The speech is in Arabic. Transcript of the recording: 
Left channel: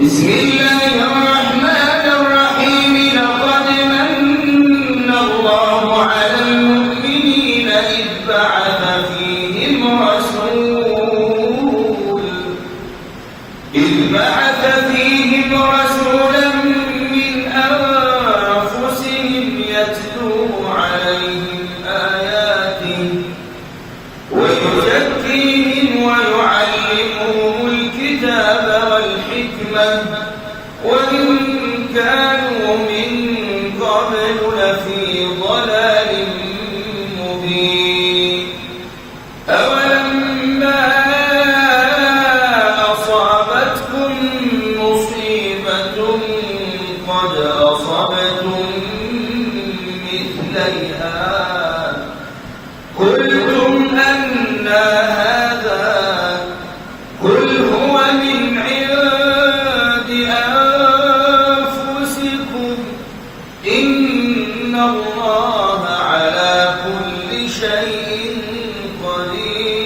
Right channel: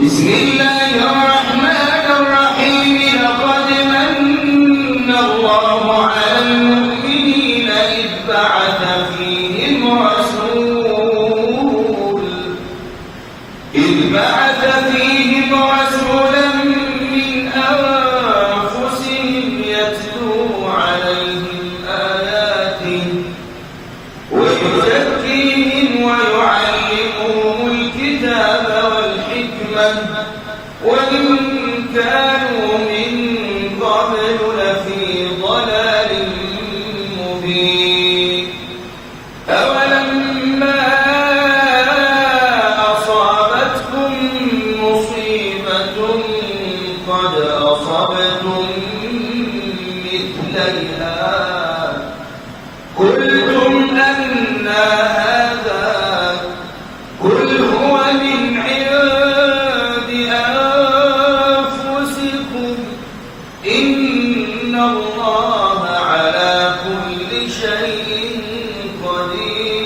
بسم الله الرحمن الرحيم لقد من الله على المؤمنين إذ بعث فيهم رسولا من أنفسهم يتلو عليهم آياته ويزكيهم ويعلمهم الكتاب والحكمة وإن كانوا من قبل لفي ضلال مبين. أولما أصابتكم مصيبة قد أصبتم مثليها قلتم أنى هذا قل هو من عند أنفسكم إن الله على كل شيء قدير.